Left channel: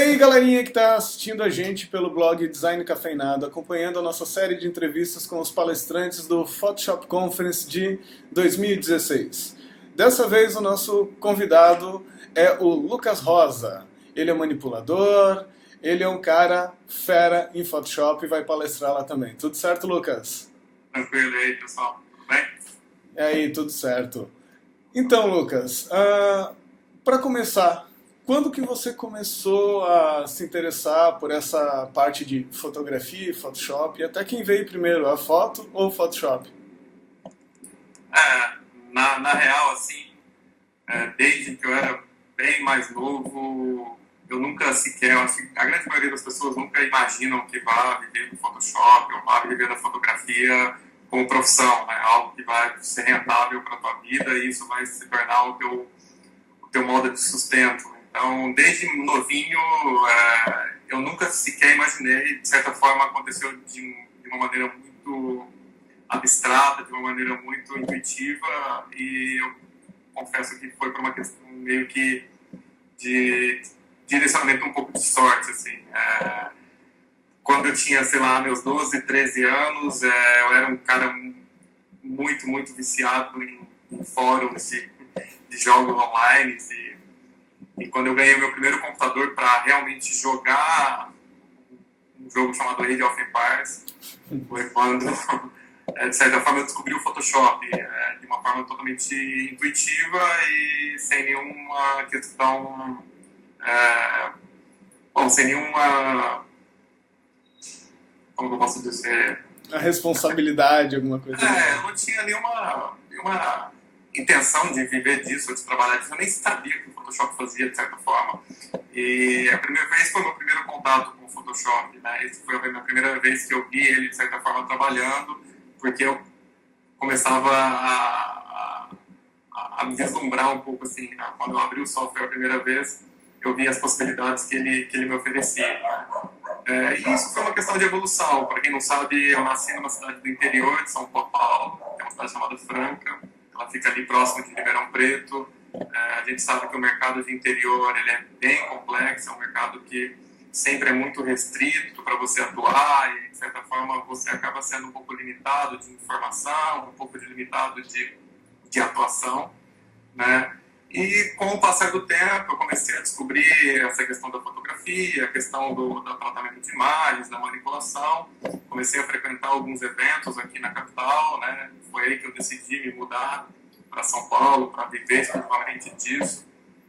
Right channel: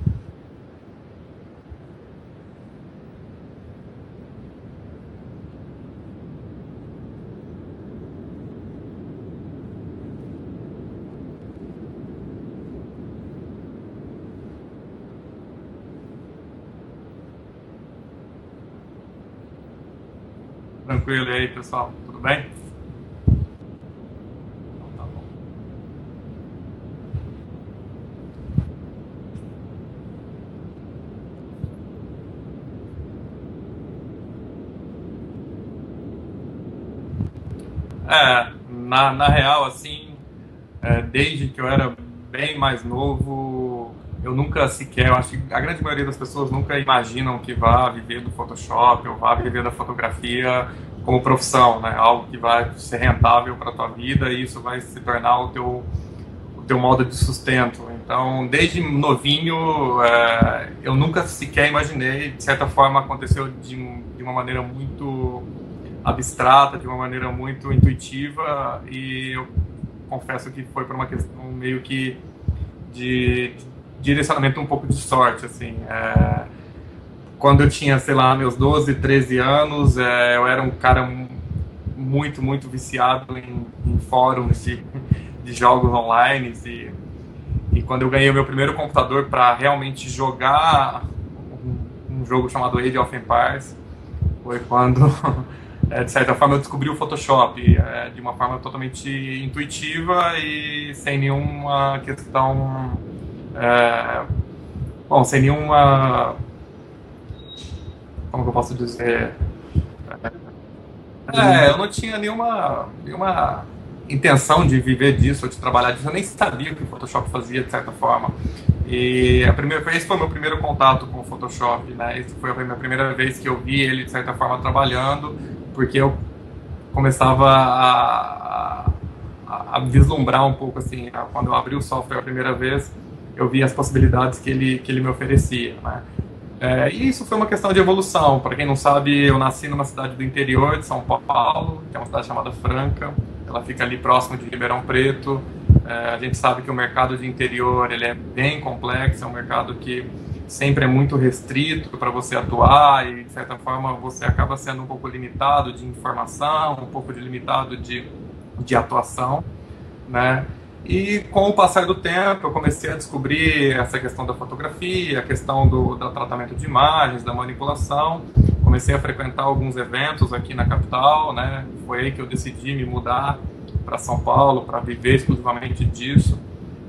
aí, galerinha que está assistindo a gente pelo blog Design Cafeinado, acompanhando a nossa série de entrevistas com os palestrantes do Photoshop Conference de 2016. Dessa vez o nosso convidado é o Lucas Rosa. Ele é manipulador, ele é um cara fera em Photoshop e vai palestrar lá também. Tudo certo, Lucas? Tranquilo aí, pessoal. Tudo bem? E aí, tudo certo. Então, Lucas, para começar, quando que você começou a se interessar por essa parte de fotografia e Photoshop? E até quem veio primeiro, a foto ou o Photoshop? Na real, assim, desde que eu era bem mais novo, eu nunca sequer, eu acho que a grande maioria das pessoas nunca imaginam que vá viver do Photoshop ou vá viver da fotografia como profissão, né? Algo que vai ser rentável para a tua vida e isso vai se tornar o teu modo de sustento. Então, desde novinho, eu nunca sequer imaginei, de certa forma aconteceu de uma maneira muito abstrata, de uma maneira muito intuitiva, e eu confesso que foi por uma questão meio que de direcionamento um pouco de sorte, assim. Quando eu tinha, sei lá, meus 12, 13 anos, eu era um cara muito, muito viciado em fóruns de jogos online, e quando eu ganhei meu primeiro computador para realmente jogar um jogo chamado Age of Empires, foi quando, de certa forma, eu descobri o Photoshop de uma forma totalmente intuitiva e sem nenhuma questão, sem nenhuma, como eu posso dizer... A responsabilidade, alguma coisa? Eu não tinha nenhuma intenção de viver disso, de trabalhar disso. Eu nem sabia o que o Photoshop fazia, de certa forma. E esse foi o meu primeiro contato com o Photoshop, né? Essa foi a minha primeira vez que eu vi ele, de certa forma, trabalhando, porque eu começava a vislumbrar um pouco, assim, né? Quando eu abri o software a primeira vez, eu vi as possibilidades que ele me oferecia, né? E isso foi uma questão de evolução. Para quem não sabe, eu nasci numa cidade do interior de São Paulo, que é uma cidade chamada Franca. Ela fica ali próximo de Ribeirão Preto. A gente sabe que o mercado do interior ele é bem complexo, é um mercado que sempre é muito restrito para você atuar e, de certa forma, você acaba sendo um pouco limitado de informação, um pouco limitado de atuação, né? E com o passar do tempo, eu comecei a descobrir essa questão da fotografia, a questão do tratamento de imagens, da manipulação. Comecei a frequentar alguns eventos aqui na capital, né? Foi aí que eu decidi me mudar para São Paulo, para viver exclusivamente disso.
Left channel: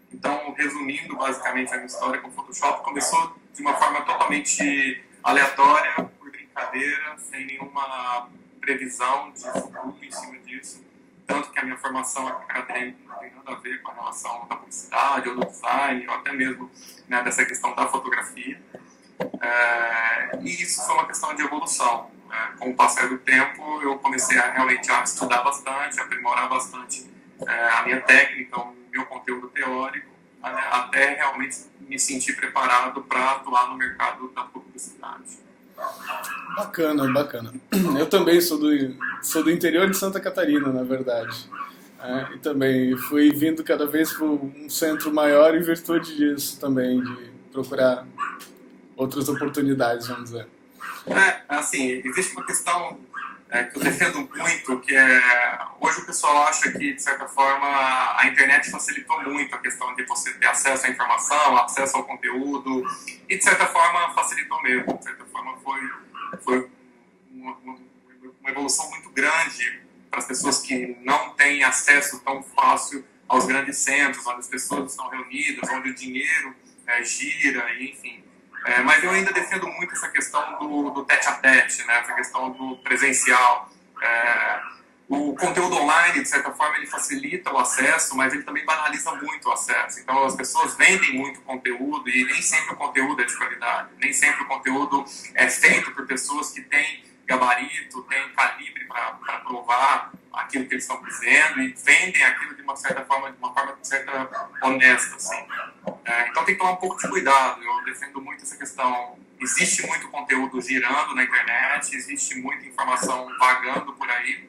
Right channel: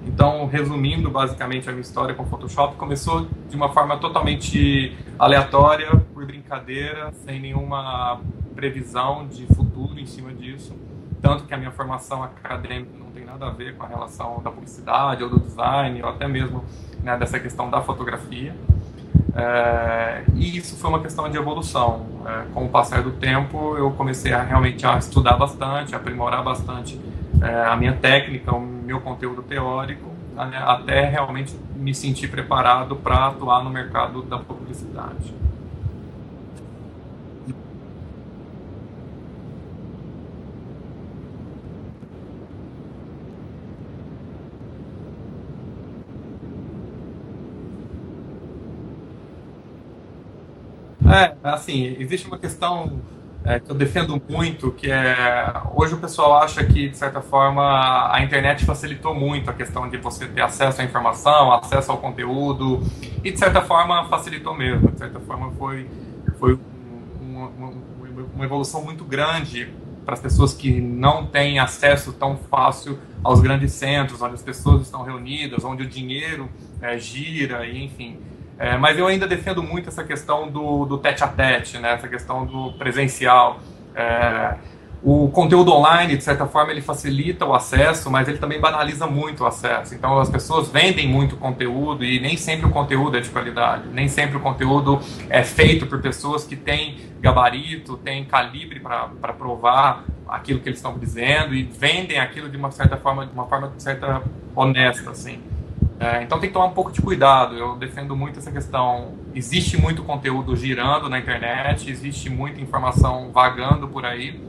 Então, resumindo basicamente a minha história com o Photoshop, começou de uma forma totalmente aleatória, por brincadeira, sem nenhuma previsão de futuro em cima disso. Tanto que a minha formação acadêmica não tem nada a ver com a relação da publicidade, ou do design, ou até mesmo, né, dessa questão da fotografia. E isso foi uma questão de evolução. Com o passar do tempo, eu comecei realmente a estudar bastante, a aprimorar bastante a minha técnica, o meu conteúdo teórico, até realmente me sentir preparado para atuar no mercado da publicidade. Bacana, bacana. Eu também sou do interior de Santa Catarina, na verdade. E também fui vindo cada vez para um centro maior em virtude disso também, de procurar outras oportunidades, vamos dizer. Assim, existe uma questão que eu defendo muito, que hoje o pessoal acha que, de certa forma, a internet facilitou muito a questão de você ter acesso à informação, acesso ao conteúdo, e, de certa forma, facilitou mesmo. De certa forma, foi uma evolução muito grande para as pessoas que não têm acesso tão fácil aos grandes centros, onde as pessoas estão reunidas, onde o dinheiro gira, enfim. Mas eu ainda defendo muito essa questão do tete-a-tete, né? Essa questão do presencial. O conteúdo online, de certa forma, ele facilita o acesso, mas ele também banaliza muito o acesso. Então, as pessoas vendem muito conteúdo e nem sempre o conteúdo é de qualidade. Nem sempre o conteúdo é feito por pessoas que têm gabarito, têm calibre para provar aquilo que eles estão dizendo e vendem aquilo de uma certa forma, de uma forma honesta, assim. Então tem que tomar um pouco de cuidado. Eu defendo muito essa questão. Existe muito conteúdo girando na internet, existe muita informação vagando por aí,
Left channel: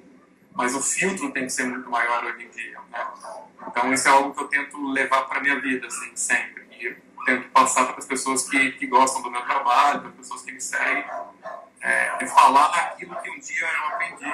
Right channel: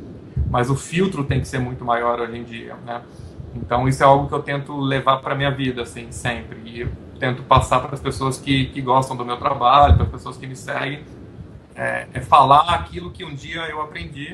mas o filtro tem que ser muito maior hoje em dia, né? Então isso é algo que eu tento levar para minha vida, assim, sempre. E eu tento passar para as pessoas que gostam do meu trabalho, para as pessoas que me seguem, falar aquilo que um dia eu aprendi,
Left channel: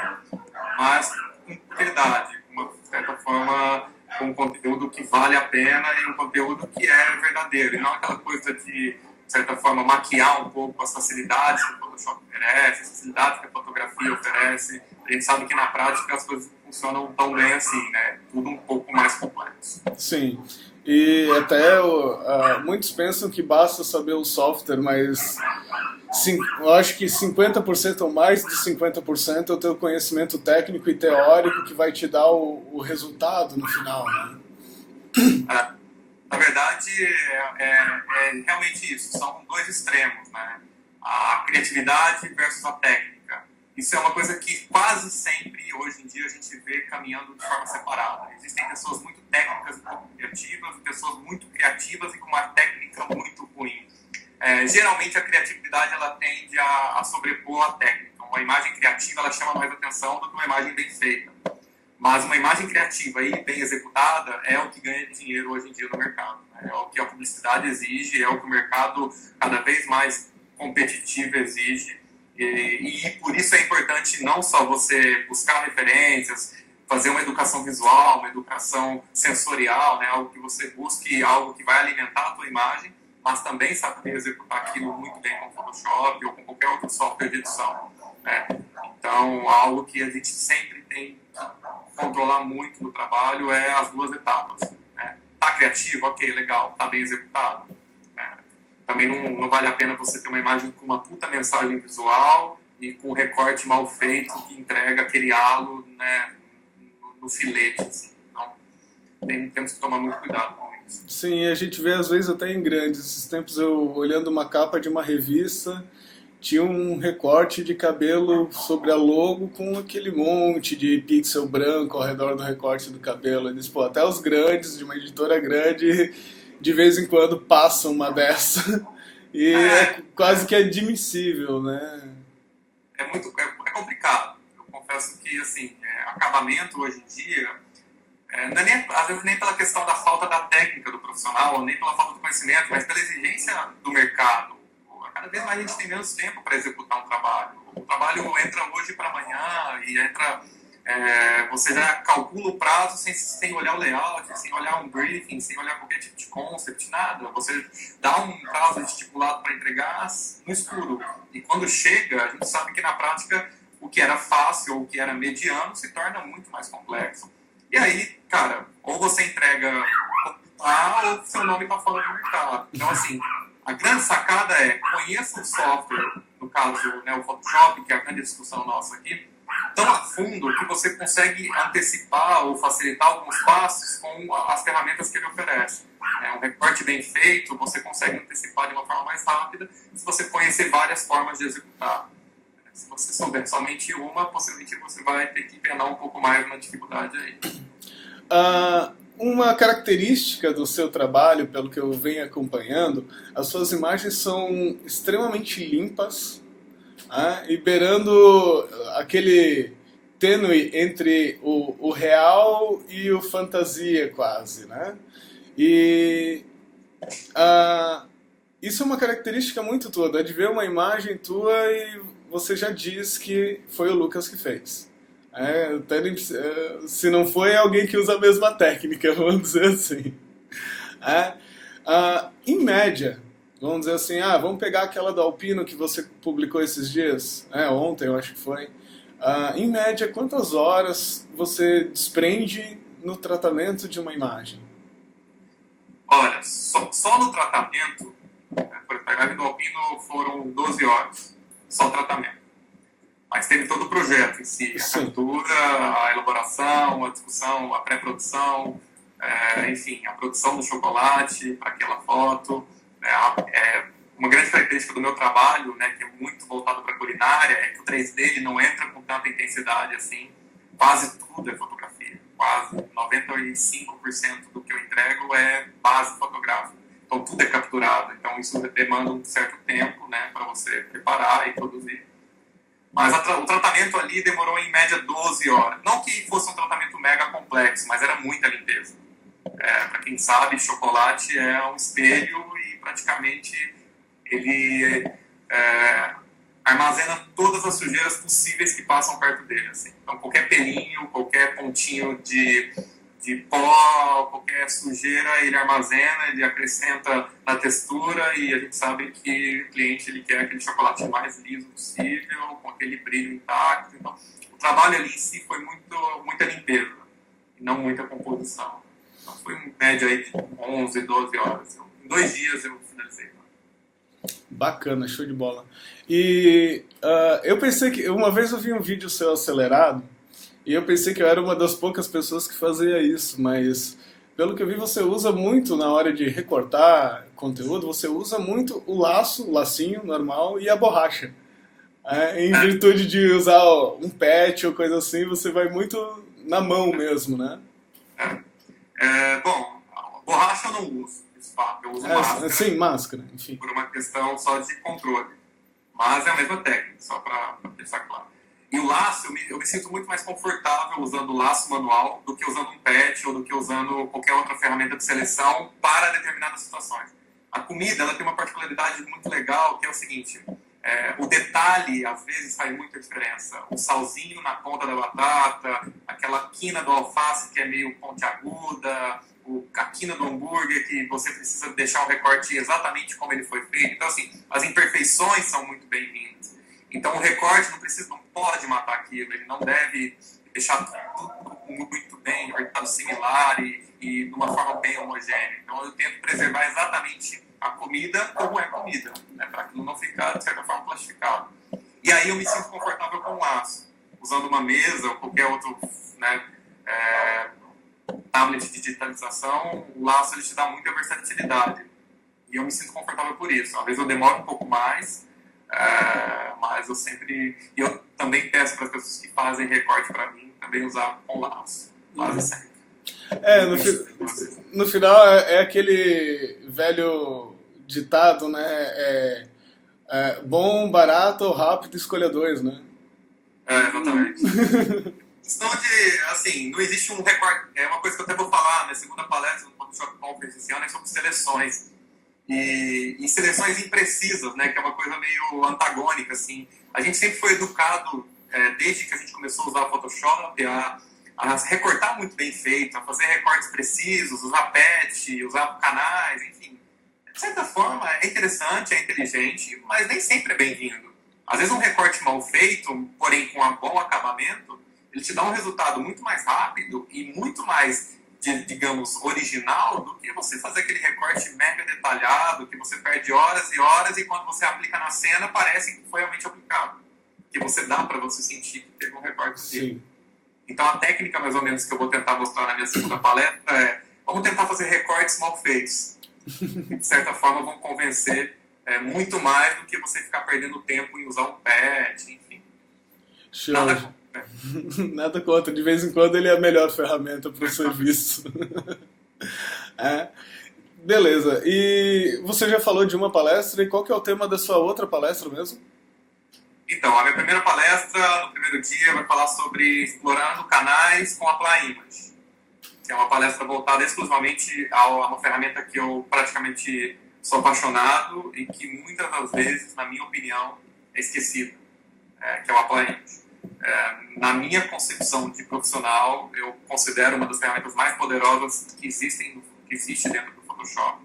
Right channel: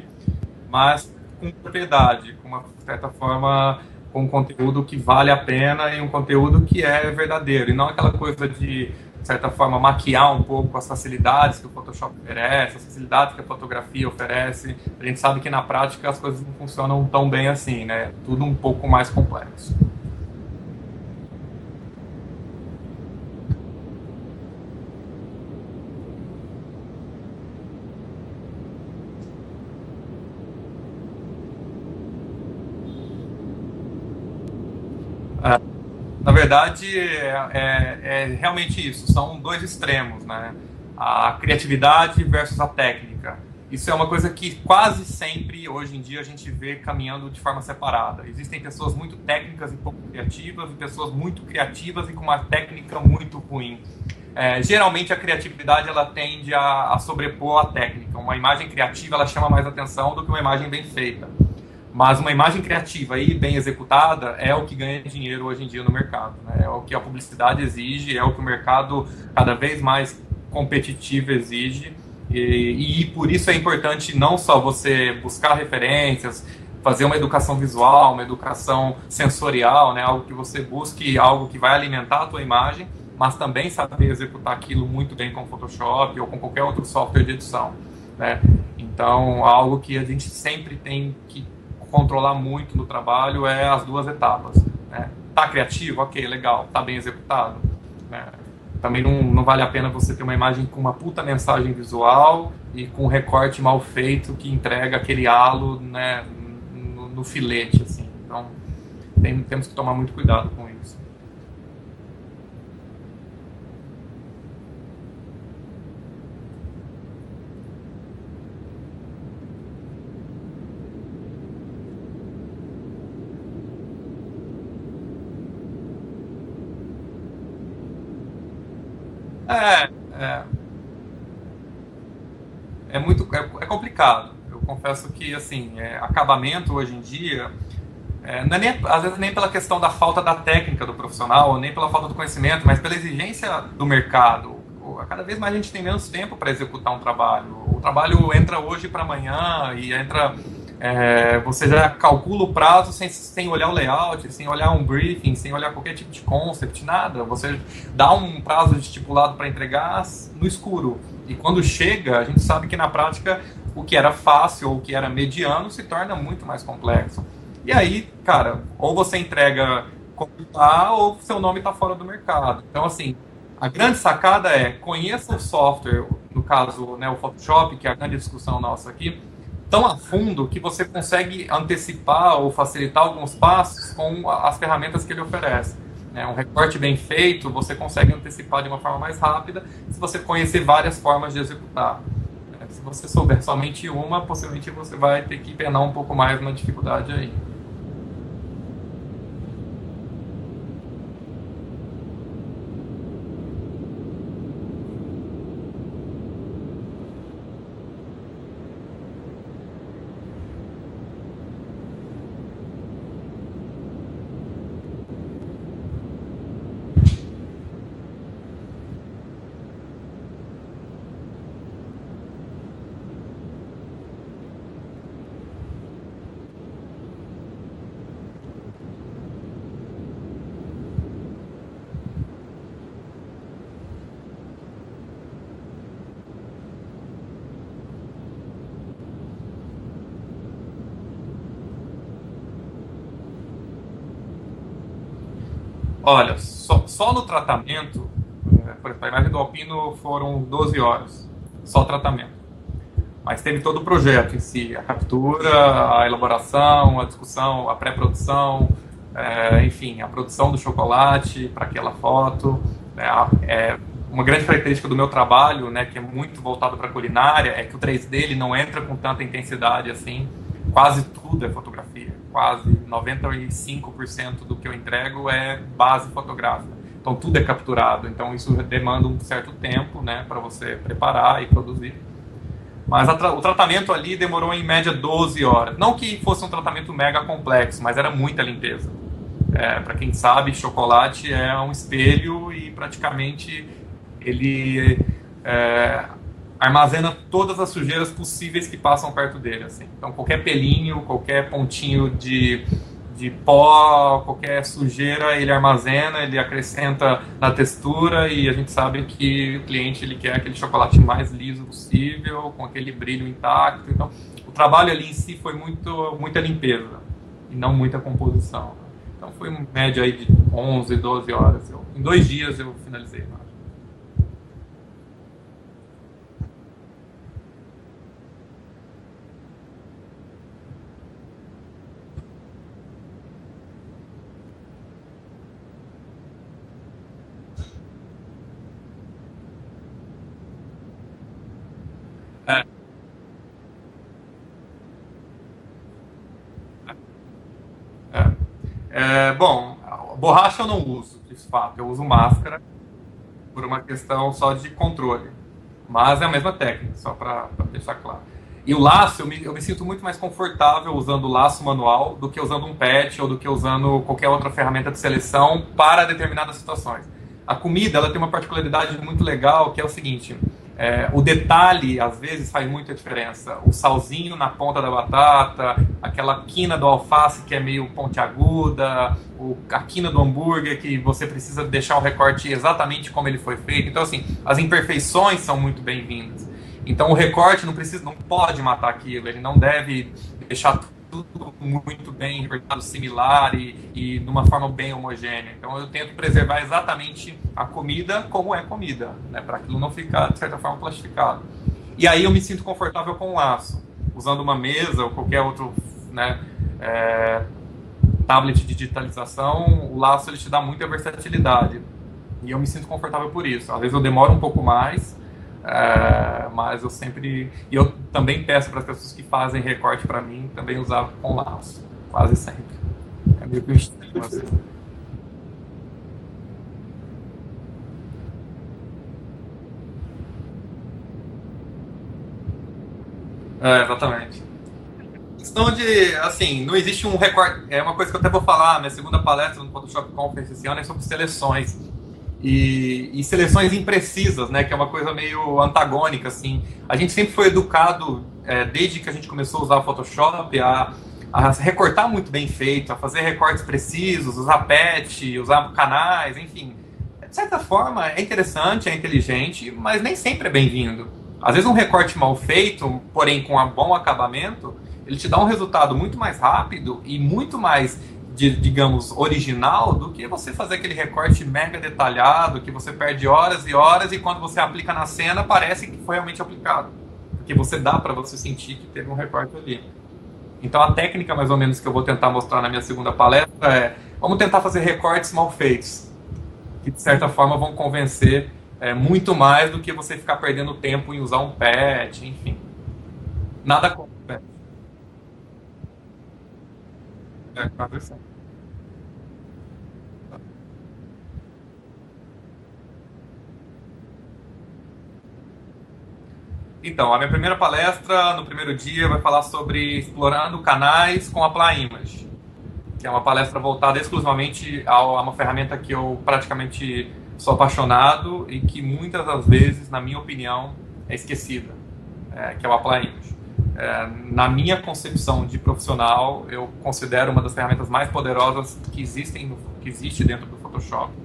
mas com propriedade, com uma certa forma, com um conteúdo que vale a pena e um conteúdo que é verdadeiro, e não aquela coisa de certa forma, maquiar um pouco as facilidades que o Photoshop oferece, as facilidades que a fotografia oferece. A gente sabe que na prática as coisas não funcionam tão bem assim, né? Tudo um pouco mais complexo. Sim. E até muitos pensam que basta saber o software, mas eu acho que 50% ou mais de 50% é o teu conhecimento técnico e teórico que vai te dar o resultado no final, né? Na verdade, é realmente isso. São dois extremos, né? A criatividade versus a técnica. Isso é uma coisa que quase sempre, hoje em dia, a gente vê caminhando de forma separada. Existem pessoas muito técnicas e pouco criativas, e pessoas muito criativas e com uma técnica muito ruim. Geralmente, a criatividade ela tende a sobrepor a técnica. Uma imagem criativa ela chama mais atenção do que uma imagem bem feita. Mas uma imagem criativa e bem executada é o que ganha dinheiro hoje em dia no mercado, né? É o que a publicidade exige, é o que o mercado cada vez mais competitivo exige. E por isso é importante não só você buscar referências, fazer uma educação visual, uma educação sensorial, né? Algo que você busque, algo que vai alimentar a sua imagem, mas também saber executar aquilo muito bem com o Photoshop ou com qualquer outro software de edição, né? Então, algo que a gente sempre tem que controlar muito no trabalho é as duas etapas, né? Tá criativo? Ok, legal. Tá bem executado? Né? Também não vale a pena você ter uma imagem com uma puta mensagem visual e com um recorte mal feito que entrega aquele halo, né, no filete, assim. Então, temos que tomar muito cuidado com isso. Sim, a gente vê às vezes até em grandes. Esses tempos eu olhando uma capa de uma revista, tinha um recorte de cabelo sobre a logo com aquele monte de pixel branco ao redor do recorte do cabelo. Eles, pô, até os grandes, de uma editora grande, de vez em quando passam uma dessa. E é quase que admissível, né? É complicado. Eu confesso que, assim, acabamento hoje em dia, às vezes nem pela questão da falta da técnica do profissional, nem pela falta do conhecimento, mas pela exigência do mercado. Cada vez mais a gente tem menos tempo para executar um trabalho. O trabalho entra hoje para amanhã e entra... você já calcula o prazo sem olhar o layout, sem olhar um briefing, sem olhar qualquer tipo de concept, nada. Você dá um prazo estipulado para entregar no escuro. E quando chega, a gente sabe que na prática o que era fácil ou o que era mediano se torna muito mais complexo. E aí, cara, ou você entrega ou seu nome está fora do mercado. Então, assim... A grande sacada conheça o software, no caso, né, o Photoshop, que é a grande discussão nossa aqui, tão a fundo que você consegue antecipar ou facilitar alguns passos com as ferramentas que ele oferece. Um recorte bem feito, você consegue antecipar de uma forma mais rápida se você conhecer várias formas de executar. Se você souber somente uma, possivelmente você vai ter que penar um pouco mais na dificuldade aí. Uma característica do seu trabalho, pelo que eu venho acompanhando, as suas imagens são extremamente limpas, né, e beirando aquele tênue entre o real e o fantasia quase, né? E isso é uma característica muito tua, de ver uma imagem tua e você já diz que foi o Lucas que fez. Se não foi, é alguém que usa a mesma técnica, vamos dizer assim. Em média, vamos dizer assim, vamos pegar aquela do Alpino que você publicou esses dias, ontem eu acho que foi. Em média, quantas horas você desprende no tratamento de uma imagem? Olha, só no tratamento, para pegar do Alpino foram 12 horas, só tratamento. Mas teve todo o projeto em si, a captura, a elaboração, a discussão, a pré-produção, enfim, a produção do chocolate para aquela foto. Uma grande característica do meu trabalho, né, que é muito voltado para a culinária, é que o 3D ele não entra com tanta intensidade assim. Quase tudo é fotografia, quase 95% do que eu entrego é base fotográfica. Então tudo é capturado, então isso demanda um certo tempo, né, para você preparar e produzir. Mas o tratamento ali demorou em média 12 horas. Não que fosse um tratamento mega complexo, mas era muita limpeza. Para quem sabe, chocolate é um espelho e praticamente ele armazena todas as sujeiras possíveis que passam perto dele. Assim. Então, qualquer pelinho, qualquer pontinho de pó, qualquer sujeira, ele armazena, ele acrescenta na textura, e a gente sabe que o cliente ele quer aquele chocolate mais liso possível, com aquele brilho intacto. Então, o trabalho ali em si foi muita limpeza e não muita composição. Então, foi em média aí de 11, 12 horas. Em 2 dias eu finalizei. Bacana, show de bola. E eu pensei que... Uma vez eu vi um vídeo seu acelerado, e eu pensei que eu era uma das poucas pessoas que fazia isso, mas pelo que eu vi você usa muito na hora de recortar conteúdo, você usa muito o lacinho normal e a borracha. Em virtude de usar um patch ou coisa assim, você vai muito na mão mesmo, né? Bom, borracha eu não uso, de fato, eu uso máscara. Sim, máscara, enfim. Por uma questão só de controle. Mas é a mesma técnica, só para deixar claro. E o laço, eu me sinto muito mais confortável usando o laço manual do que usando um patch ou do que usando qualquer outra ferramenta de seleção para determinadas situações. A comida ela tem uma particularidade muito legal, que é o seguinte, o detalhe às vezes faz muita diferença. O salzinho na ponta da batata, aquela quina do alface que é meio pontiaguda, a quina do hambúrguer que você precisa deixar o recorte exatamente como ele foi feito. Então, assim, as imperfeições são muito bem-vindas. Então o recorte não pode matar aquilo, ele não deve deixar tudo muito bem, apertado, similar e de uma forma bem homogênea. Então eu tento preservar exatamente a comida como é comida, né, para aquilo não ficar, de certa forma, plastificado. E aí eu me sinto confortável com o laço, usando uma mesa ou qualquer outro, né, tablet de digitalização, o laço ele te dá muita versatilidade. E eu me sinto confortável por isso. Às vezes eu demoro um pouco mais, mas eu sempre... E eu também peço para as pessoas que fazem recorte para mim também usar com laço, quase sempre. No final é aquele velho ditado, né? Bom, barato ou rápido, escolha 2, né? Exatamente. Questão de, assim, não existe um recorte... É uma coisa que eu até vou falar na segunda palestra do Photoshop Conference esse ano, é sobre seleções. E seleções imprecisas, né, que é uma coisa meio antagônica, assim. A gente sempre foi educado, desde que a gente começou a usar o Photoshop, a recortar muito bem feito, a fazer recortes precisos, usar patch, usar canais, enfim. De certa forma, é interessante, é inteligente, mas nem sempre é bem-vindo. Às vezes um recorte mal feito, porém com um bom acabamento, ele te dá um resultado muito mais rápido e muito mais... digamos, original, do que você fazer aquele recorte mega detalhado, que você perde horas e horas e quando você aplica na cena parece que foi realmente aplicado. Porque você dá para você sentir que teve um recorte ali. Então a técnica, mais ou menos, que eu vou tentar mostrar na minha segunda palestra vamos tentar fazer recortes mal feitos, que de certa forma vão convencer muito mais do que você ficar perdendo tempo em usar um patch, enfim. Nada contra. Nada contra, de vez em quando ele é a melhor ferramenta para o serviço. Beleza, e você já falou de uma palestra, e qual que é o tema da sua outra palestra mesmo? Então, a minha primeira palestra, no primeiro dia, vai falar sobre explorando canais com Apply Image, que é uma palestra voltada exclusivamente a uma ferramenta que eu praticamente sou apaixonado e que muitas das vezes, na minha opinião, é esquecida, que é o Apply Image. Na minha concepção de profissional, eu considero uma das ferramentas mais poderosas que existe dentro do Photoshop.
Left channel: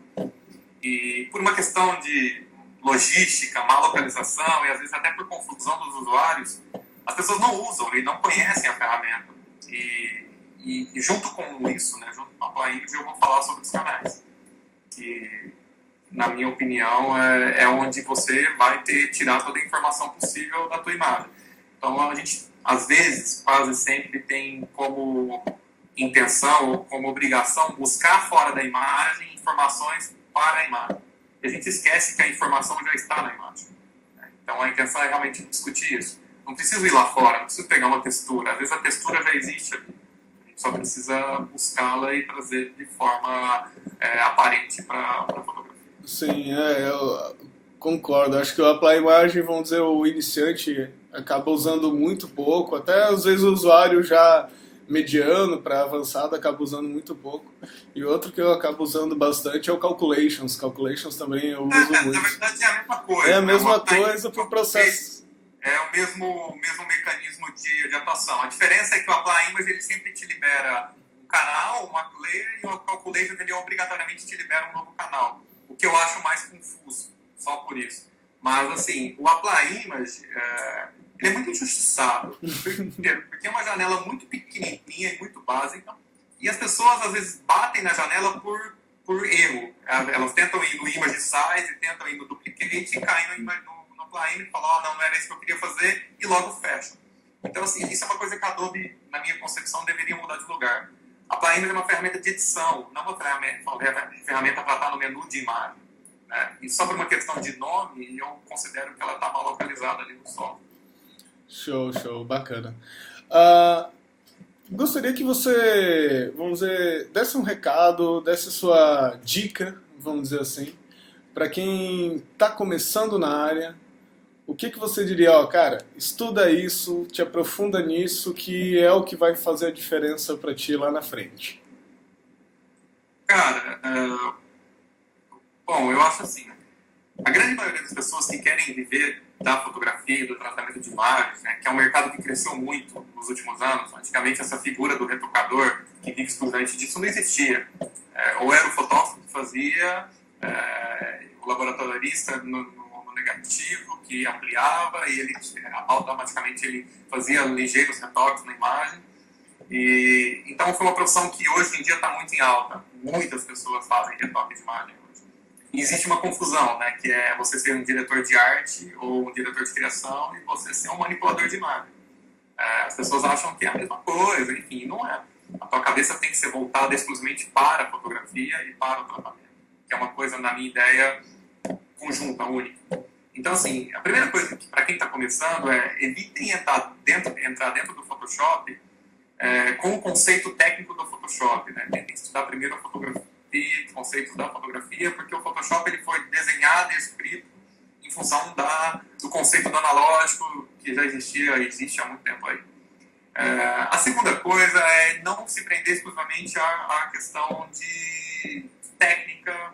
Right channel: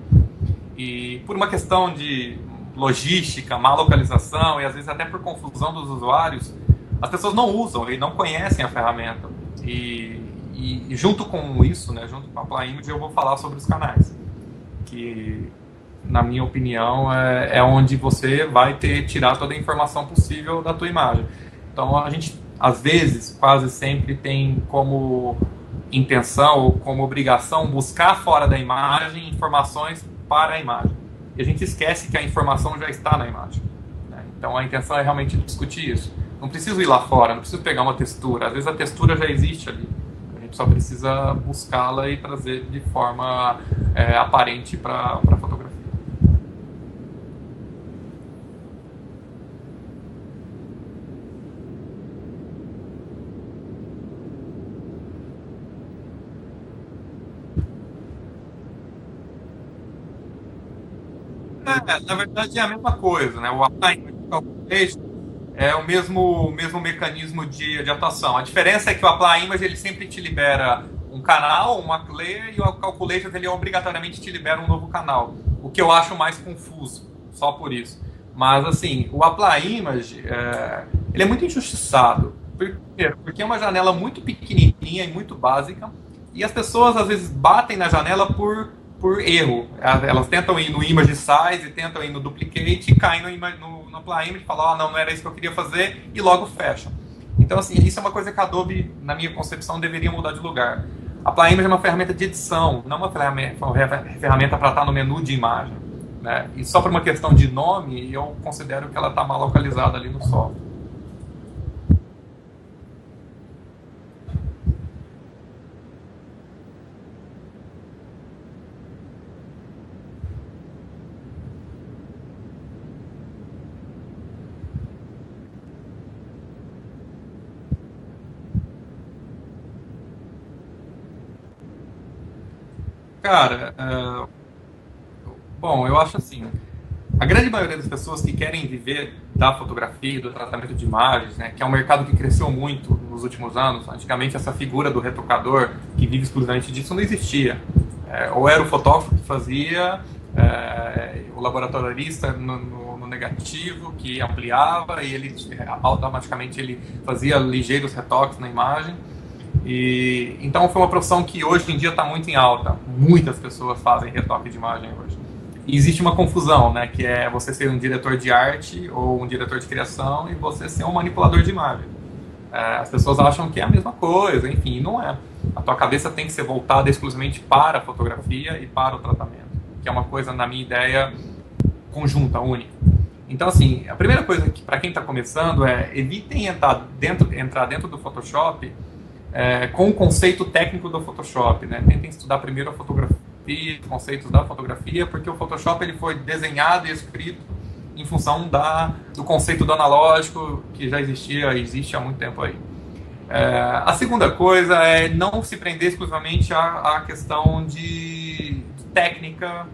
E por uma questão de logística, má localização e às vezes até por confusão dos usuários, as pessoas não usam e não conhecem a ferramenta. E junto com isso, né, junto com a Apply Image, eu vou falar sobre os canais, que na minha opinião é onde você vai tirar toda a informação possível da tua imagem. Então a gente, às vezes, quase sempre tem como intenção ou como obrigação buscar fora da imagem informações para a imagem. E a gente esquece que a informação já está na imagem, né? Então a intenção é realmente discutir isso. Não preciso ir lá fora, não preciso pegar uma textura. Às vezes a textura já existe ali. A gente só precisa buscá-la e trazer de forma aparente para a fotografia. Sim, Concordo, acho que o Apply Imagem, vamos dizer, o iniciante acaba usando muito pouco, até às vezes o usuário já mediano para avançado acaba usando muito pouco. E outro que eu acabo usando bastante é o Calculations. Calculations também eu uso muito. Na verdade é a mesma coisa. É a né? mesma coisa para o processo. É o mesmo mecanismo de atuação. A diferença é que o Apply Image ele sempre te libera um canal, uma layer, e o Calculations ele obrigatoriamente te libera um novo canal. O que eu acho mais confuso, só por isso. Mas, assim, o Apply Image, ele é muito injustiçado. Porque é uma janela muito pequenininha e muito básica. E as pessoas, às vezes, batem na janela por erro. Elas tentam ir no Image Size, tentam ir no Duplicate e caem no Apply Image e falam, não era isso que eu queria fazer, e logo fecham. Então, assim, isso é uma coisa que a Adobe, na minha concepção, deveria mudar de lugar. A Apply Image é uma ferramenta de edição, não uma ferramenta para estar no menu de imagem. Né? E só por uma questão de nome, eu considero que ela está mal localizada ali no software. Show, bacana. Gostaria que você, vamos dizer, desse um recado, desse sua dica, vamos dizer assim, para quem está começando na área. O que você diria? Cara, estuda isso, te aprofunda nisso, que é o que vai fazer a diferença para ti lá na frente. Cara, bom, eu acho assim, a grande maioria das pessoas que querem viver da fotografia, do tratamento de imagens, né, que é um mercado que cresceu muito nos últimos anos. Antigamente essa figura do retocador que vive estudante disso não existia. Ou era o fotógrafo que fazia, o laboratorialista no negativo, que ampliava e ele automaticamente ele fazia ligeiros retoques na imagem. E então foi uma profissão que hoje em dia está muito em alta. Muitas pessoas fazem retoque de imagem hoje. E existe uma confusão, né, que é você ser um diretor de arte ou um diretor de criação e você ser um manipulador de imagem. As pessoas acham que é a mesma coisa, enfim, não é. A tua cabeça tem que ser voltada exclusivamente para a fotografia e para o tratamento, que é uma coisa, na minha ideia, conjunta, única. Então, assim, a primeira coisa para quem está começando é evitem entrar dentro do Photoshop com o conceito técnico do Photoshop, né? Tentem estudar primeiro a fotografia, conceitos da fotografia, porque o Photoshop ele foi desenhado e escrito em função do conceito do analógico que já existe há muito tempo aí. A segunda coisa é não se prender exclusivamente à questão de técnica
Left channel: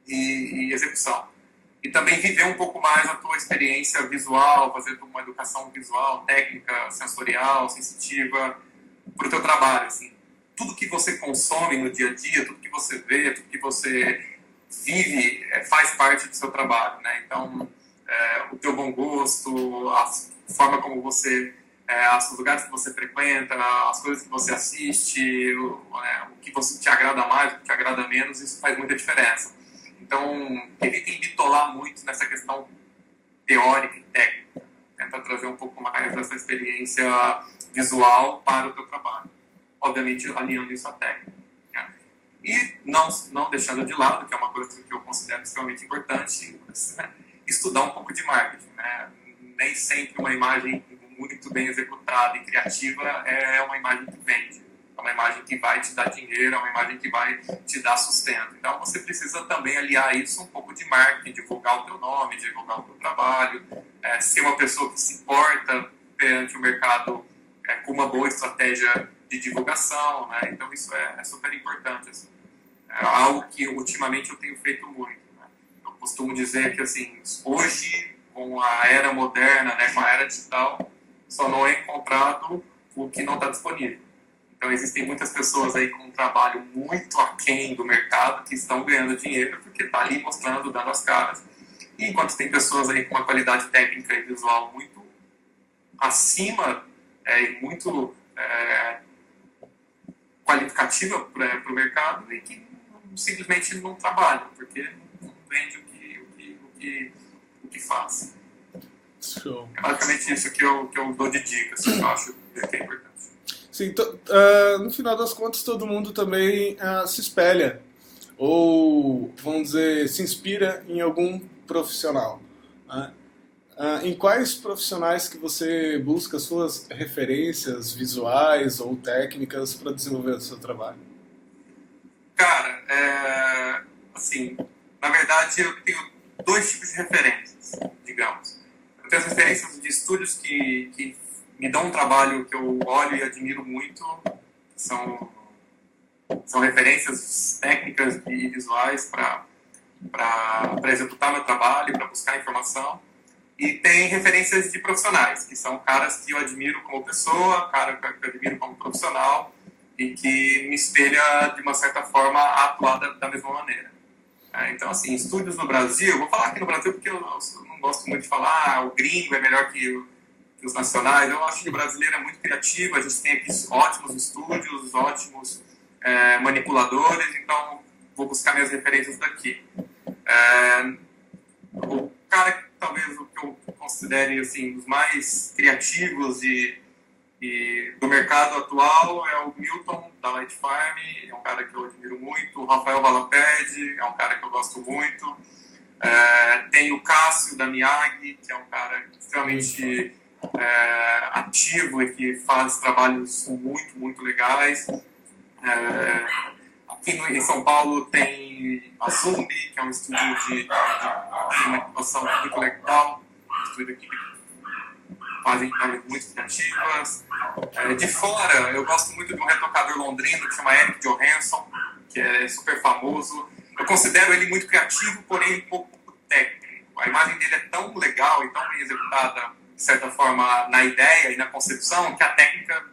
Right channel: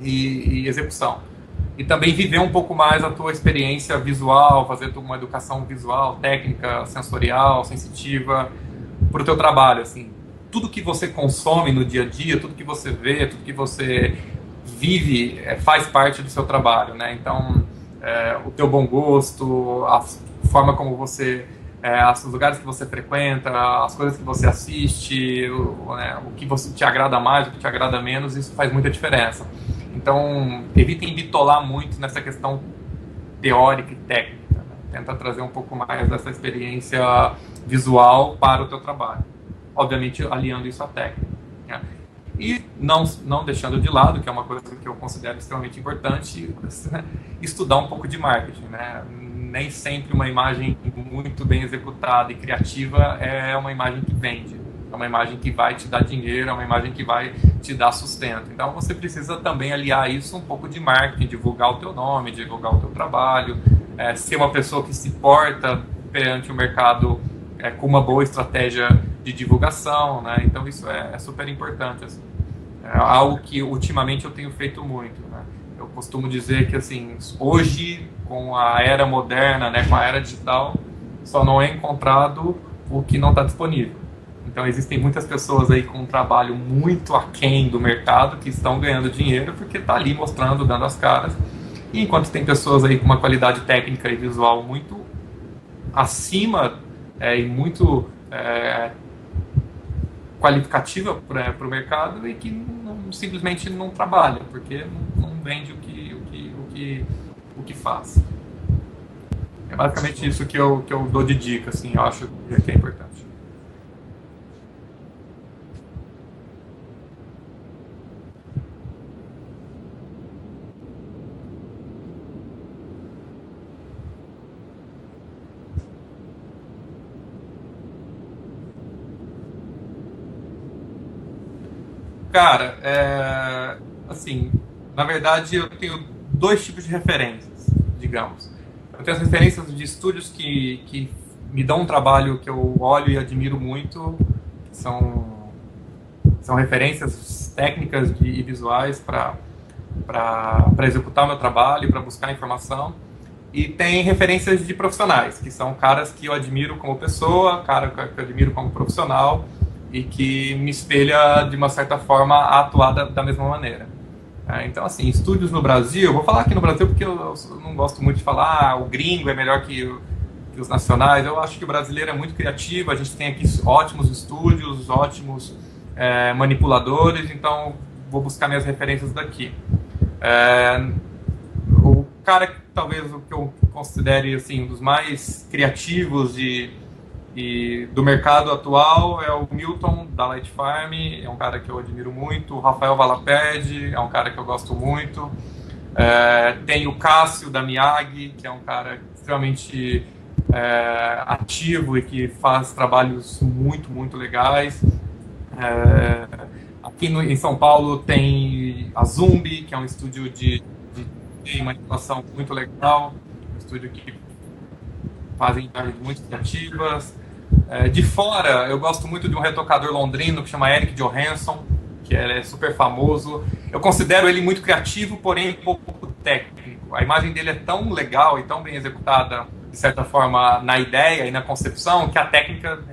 e execução. E também viver um pouco mais a tua experiência visual, fazer uma educação visual, técnica, sensorial, sensitiva para o teu trabalho. Assim, tudo que você consome no dia a dia, tudo que você vê, tudo que você vive faz parte do seu trabalho, né? Então, o teu bom gosto, a forma como você, os lugares que você frequenta, as coisas que você assiste, o que você te agrada mais, o que te agrada menos, isso faz muita diferença. Então, evitem bitolar muito nessa questão teórica e técnica. Né? Tenta trazer um pouco mais dessa experiência visual para o teu trabalho. Obviamente, alinhando isso à técnica. Né? E não deixando de lado, que é uma coisa que eu considero extremamente importante, estudar um pouco de marketing. Né? Nem sempre uma imagem muito bem executada e criativa é uma imagem que vende. É uma imagem que vai te dar dinheiro, é uma imagem que vai te dar sustento. Então você precisa também aliar isso um pouco de marketing, divulgar o teu nome, divulgar o teu trabalho, ser uma pessoa que se porta perante o mercado com uma boa estratégia de divulgação, né? Então isso é super importante. Assim. É algo que ultimamente eu tenho feito muito. Né? Eu costumo dizer que assim, hoje, com a era moderna, né, com a era digital, só não é encontrado o que não está disponível. Então existem muitas pessoas aí com um trabalho muito aquém do mercado que estão ganhando dinheiro porque está ali mostrando, dando as caras. E enquanto tem pessoas aí com uma qualidade técnica e visual muito acima e muito qualificativa para o mercado e que simplesmente não trabalham porque não vende o que faz. É basicamente isso que eu dou de dica, assim, eu acho que é importante. Sim, no final das contas todo mundo também se espelha ou, vamos dizer, se inspira em algum profissional. Né? Em quais profissionais que você busca suas referências visuais ou técnicas para desenvolver o seu trabalho? Cara, assim, na verdade eu tenho dois tipos de referências, digamos. Eu tenho as referências de estúdios que me dão um trabalho que eu olho e admiro muito, são referências técnicas e visuais para executar meu trabalho, para buscar informação. E tem referências de profissionais, que são caras que eu admiro como pessoa, cara que eu admiro como profissional e que me espelha, de uma certa forma, a atuar da mesma maneira. Então, assim, estúdios no Brasil, eu vou falar aqui no Brasil porque eu não gosto muito de falar o gringo é melhor que os nacionais. Eu acho que o brasileiro é muito criativo, a gente tem aqui ótimos estúdios, ótimos manipuladores, então vou buscar minhas referências aqui. O cara, talvez o que eu considere assim, um dos mais criativos do mercado atual é o Milton, da Light Farm, é um cara que eu admiro muito. O Rafael Valaped é um cara que eu gosto muito. Tem o Cássio, da Miyagi, que é um cara extremamente ativo e que faz trabalhos muito, muito legais. Aqui em São Paulo tem a Zumbi, que é um estúdio de manipulação muito legal, um estúdio que faz imagens muito criativas. De fora, eu gosto muito de um retocador londrino que chama Eric Johansson, que é super famoso. Eu considero ele muito criativo, porém um pouco técnico. A imagem dele é tão legal e tão bem executada, de certa forma, na ideia e na concepção, que a técnica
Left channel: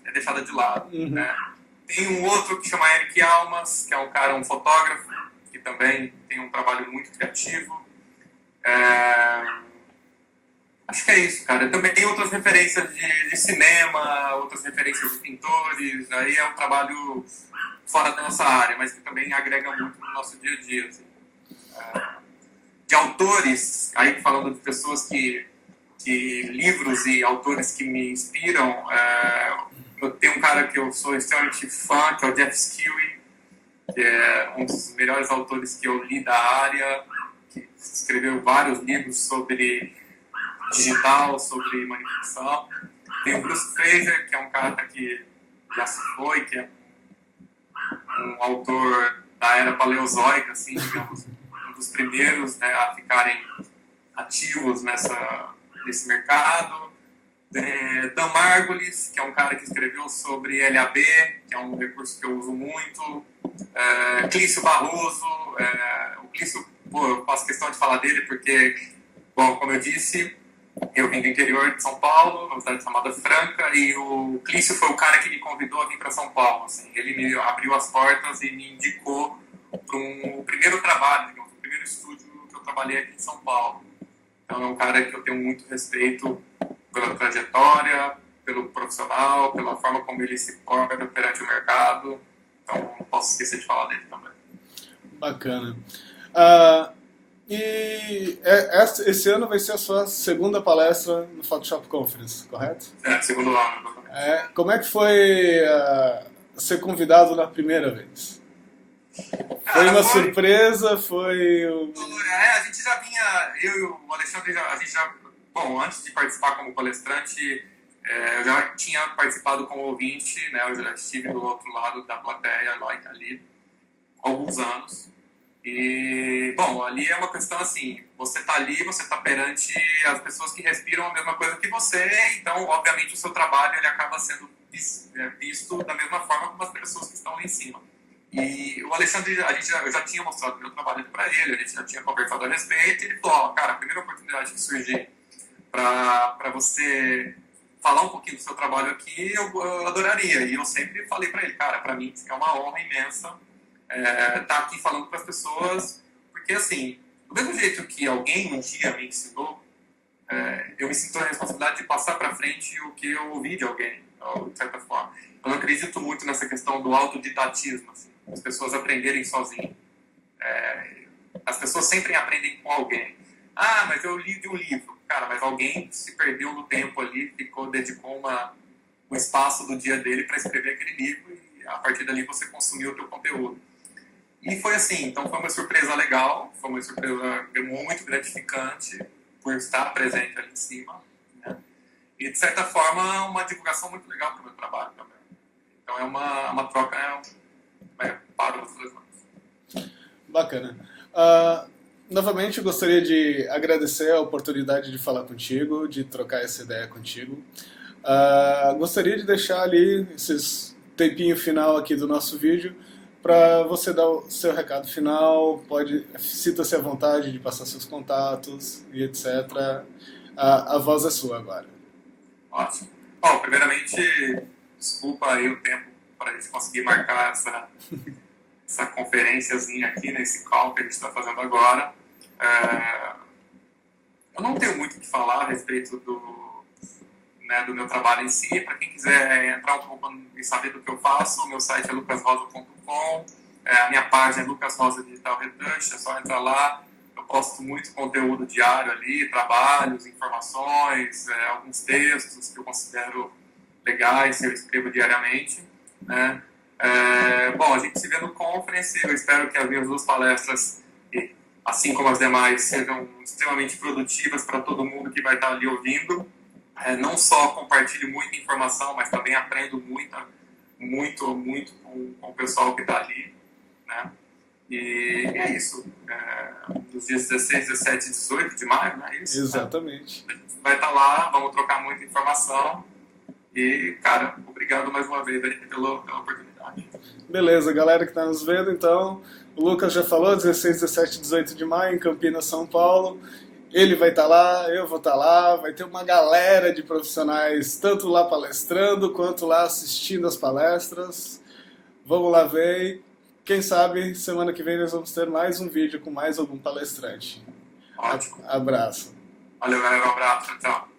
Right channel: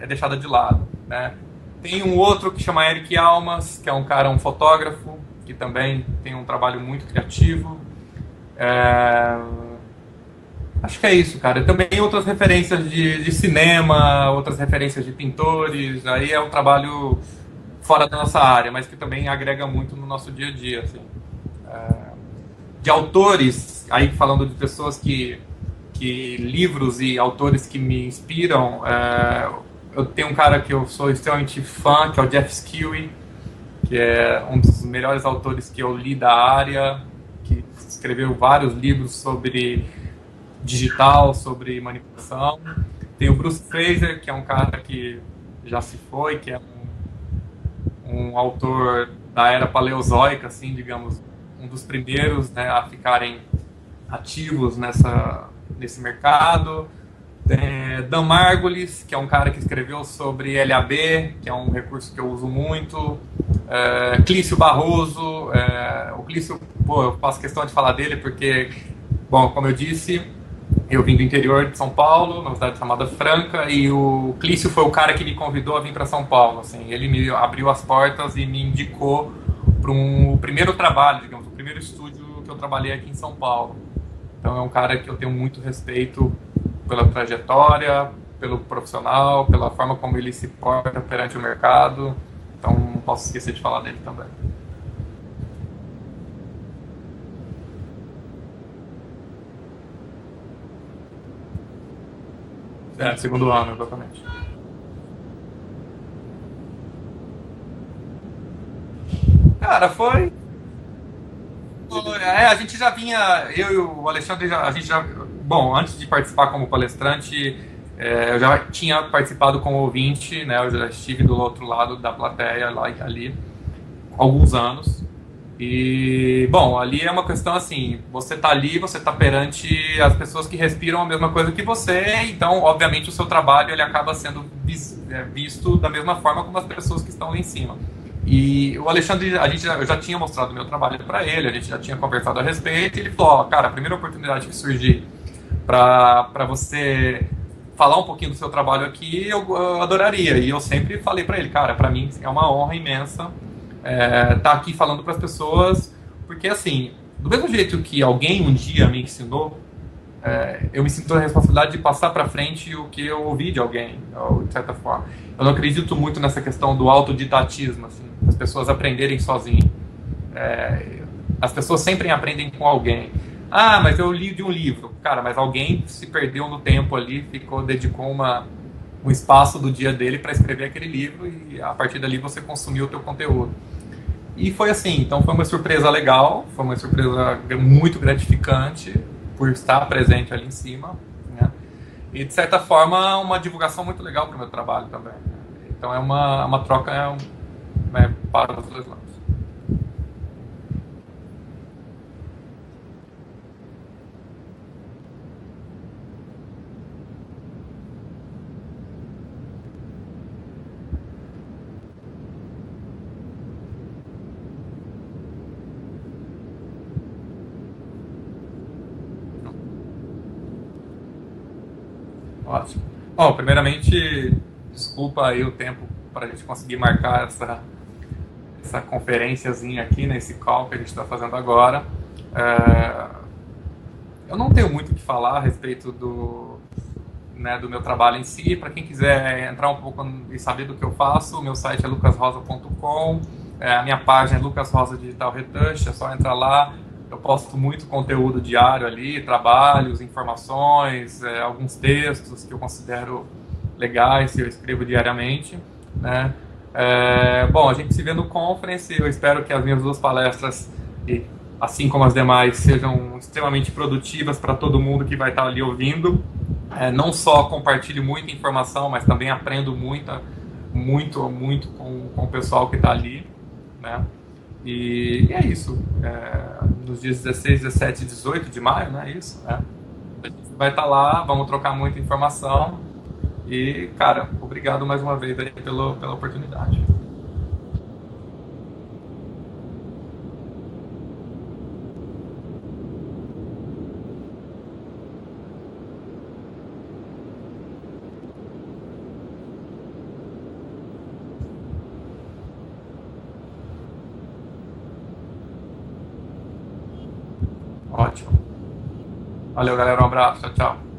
é deixada de lado, né? Tem um outro que chama Eric Almas, que é um fotógrafo, que também tem um trabalho muito criativo. Acho que é isso, cara. Também tem outras referências de cinema, outras referências de pintores. Aí é um trabalho fora da nossa área, mas que também agrega muito no nosso dia a dia. Assim. De autores, aí falando de pessoas livros e autores que me inspiram, eu tenho um cara que eu sou extremamente fã, que é o Jeff Skewy, que é um dos melhores autores que eu li da área, que escreveu vários livros sobre digital, sobre manipulação. Tem o Bruce Fraser, que é um cara que já se foi, que é um autor da era paleozoica, assim, digamos, um dos primeiros, né, a ficarem ativos nesse mercado. Tem Dan Margulis, que é um cara que escreveu sobre LAB, que é um recurso que eu uso muito. Clício Barroso, o Clício, eu faço questão de falar dele porque, bom, como eu disse, eu vim do interior de São Paulo, numa cidade chamada Franca, e o Clício foi o cara que me convidou a vir para São Paulo. Assim, ele me abriu as portas e me indicou para um primeiro trabalho, digamos, o primeiro estúdio que eu trabalhei aqui em São Paulo. Então é um cara que eu tenho muito respeito pela trajetória, pelo profissional, pela forma como ele se porta perante o mercado. Então não posso esquecer de falar dele também. Bacana. E esse ano vai ser a sua segunda palestra no Photoshop Conference, correto? Segundo ano, exatamente. Como é que foi ser convidado na primeira vez? Foi uma surpresa? A gente já vinha, eu e o Alexandre, bom, antes de participar como palestrante, eu já tinha participado como ouvinte, né? Eu já estive do outro lado da plateia, ali, há alguns anos. E, bom, ali é uma questão assim, você está ali, você está perante as pessoas que respiram a mesma coisa que você, então, obviamente, o seu trabalho ele acaba sendo visto da mesma forma como as pessoas que estão lá em cima. E o Alexandre, eu já tinha mostrado o meu trabalho para ele, a gente já tinha conversado a respeito, e ele falou, cara, a primeira oportunidade que surgir para você falar um pouquinho do seu trabalho aqui, eu adoraria. E eu sempre falei para ele, cara, para mim é uma honra imensa estar aqui falando para as pessoas, porque assim, do mesmo jeito que alguém um dia me ensinou, eu me sinto a responsabilidade de passar para frente o que eu ouvi de alguém, de certa forma. Eu não acredito muito nessa questão do autodidatismo, assim, as pessoas aprenderem sozinhas. As pessoas sempre aprendem com alguém. Ah, mas eu li de um livro. Cara, mas alguém se perdeu no tempo ali, dedicou um espaço do dia dele para escrever aquele livro e a partir dali você consumiu o teu conteúdo. E foi assim, então foi uma surpresa legal, foi uma surpresa muito gratificante por estar presente ali em cima, né? E de certa forma uma divulgação muito legal para o meu trabalho também. Então é uma troca para os dois lados. Bacana. Novamente, eu gostaria de agradecer a oportunidade de falar contigo, de trocar essa ideia contigo. Gostaria de deixar ali esses tempinho final aqui do nosso vídeo para você dar o seu recado final, sinta-se à vontade de passar seus contatos e etc. A voz é sua agora. Ótimo. Bom, primeiramente, desculpa aí o tempo para a gente conseguir marcar essa conferenciazinha aqui, nesse call que a gente está fazendo agora. Eu não tenho muito o que falar a respeito do meu trabalho em si. Para quem quiser entrar um pouco e saber do que eu faço, meu site é lucasrosa.com, a minha página é Lucas Rosa Digital Retouch, é só entrar lá. Eu posto muito conteúdo diário ali, trabalhos, informações, alguns textos que eu considero legais, que eu escrevo diariamente, né? Bom, a gente se vê no Conference. Eu espero que as minhas 2 palestras, assim como as demais, sejam extremamente produtivas para todo mundo que vai estar ali ouvindo. Não só compartilho muita informação, mas também aprendo muito com o pessoal que está ali, né? E é isso. Nos dias 16, 17 e 18 de maio, não é isso? Exatamente. A gente vai estar lá, vamos trocar muita informação. E, cara, obrigado mais uma vez aí pela oportunidade. Beleza, galera que está nos vendo, então, o Lucas já falou, 16, 17 e 18 de maio, em Campinas, São Paulo. Ele vai estar lá, eu vou estar lá, vai ter uma galera de profissionais, tanto lá palestrando, quanto lá assistindo as palestras. Vamos lá ver. Quem sabe, semana que vem nós vamos ter mais um vídeo com mais algum palestrante. Ótimo. Abraço. Valeu, galera. Um abraço. Tchau, tchau.